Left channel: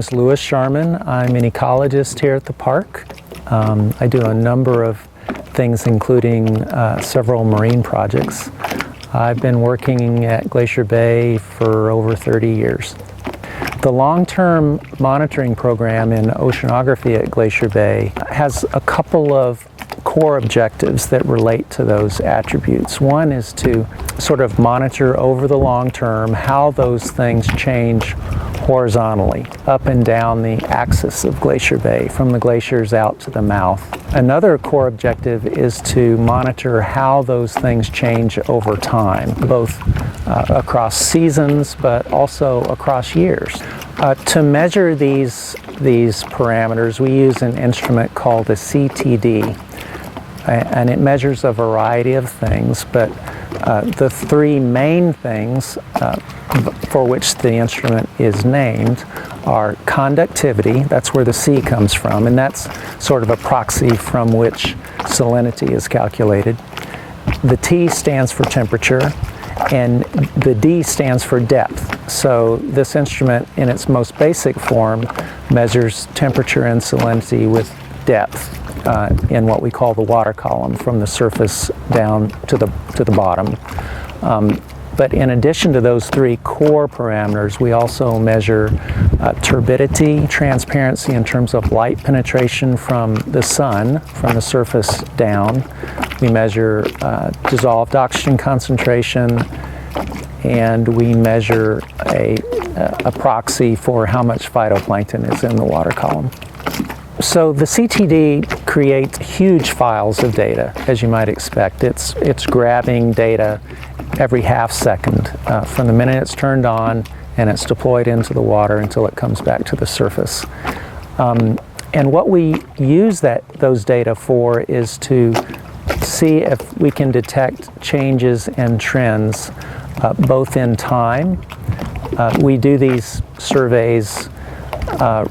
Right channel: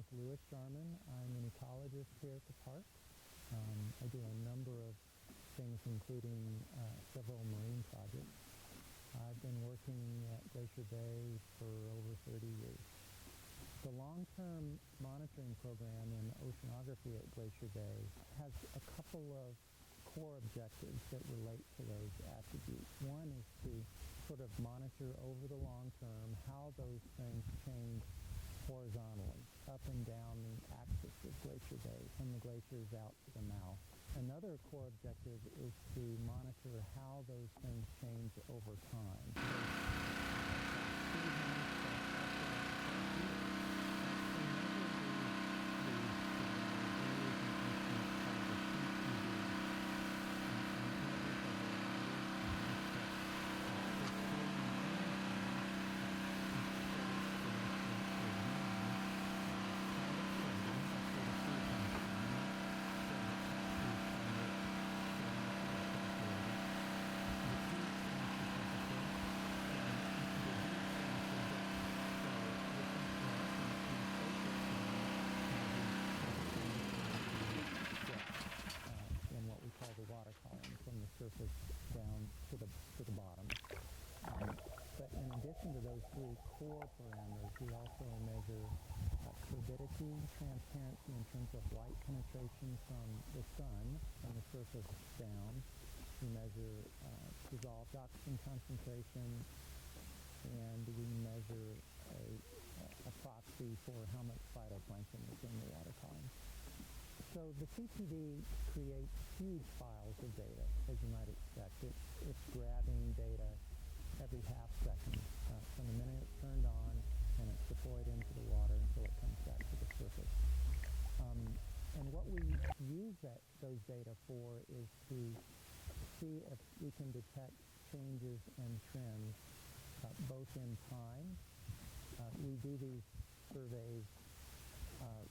name's Lewis Sharman. I'm an ecologist here at the park. I do a number of things, including several marine projects. I've been working at Glacier Bay for over 30 years. The long-term monitoring program in oceanography at Glacier Bay has a couple of core objectives that relate to those attributes. One is to sort of monitor over the long term how those things change horizontally, up and down the axis of Glacier Bay, from the glaciers out to the mouth. Another core objective is to monitor how those things change over time, both across seasons, but also across years. To measure these parameters, we use an instrument called a CTD, and it measures a variety of things, but the three main things for which the instrument is named are conductivity, that's where the C comes from, and that's sort of a proxy from which salinity is calculated. The T stands for temperature, and the D stands for depth. So this instrument, in its most basic form, measures temperature and salinity with depth in what we call the water column, from the surface down to the bottom. But in addition to those three core parameters, we also measure turbidity, transparency in terms of light penetration from the sun, from the surface down. We measure dissolved oxygen concentration, and we measure a proxy for how much phytoplankton is in the water column. So the CTD creates huge files of data, as you might expect. It's grabbing data every half second from the minute it's turned on and it's deployed into the water until it comes back to the surface. And what we use those data for is to see if we can detect changes and trends both in time. We do these surveys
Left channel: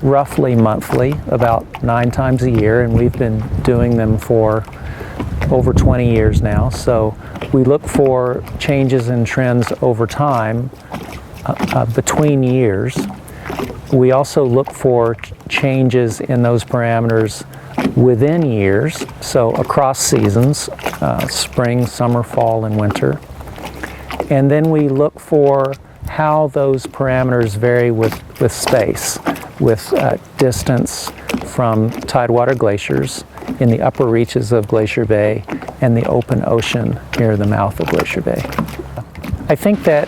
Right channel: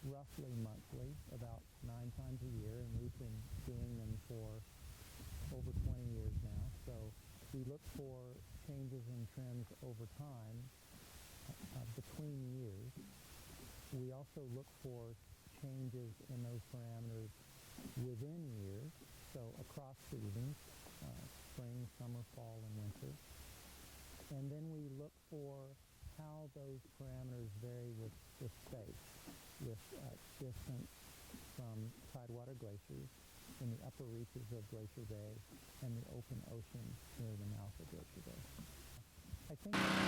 roughly monthly, about 9 times a year, and we've been doing them for over 20 years now. So we look for changes and trends over time between years. We also look for changes in those parameters within years, so across seasons, spring, summer, fall, and winter. And then we look for how those parameters vary with space, with distance from tidewater glaciers in the upper reaches of Glacier Bay and the open ocean near the mouth of Glacier Bay. I think that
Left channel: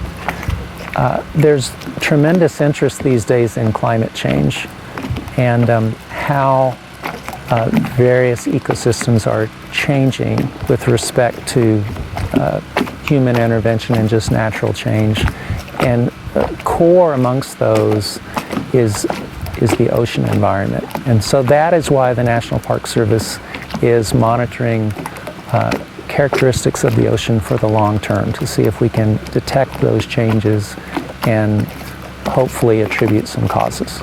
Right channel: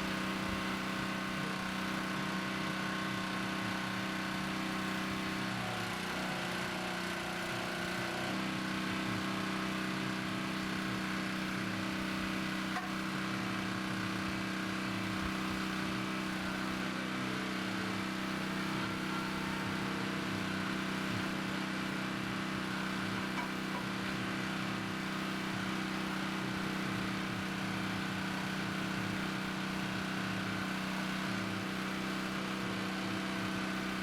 there's tremendous interest these days in climate change and how various ecosystems are changing with respect to human intervention and just natural change. And core amongst those is the ocean environment. And so that is why the National Park Service is monitoring characteristics of the ocean for the long term, to see if we can detect those changes and hopefully attribute some causes.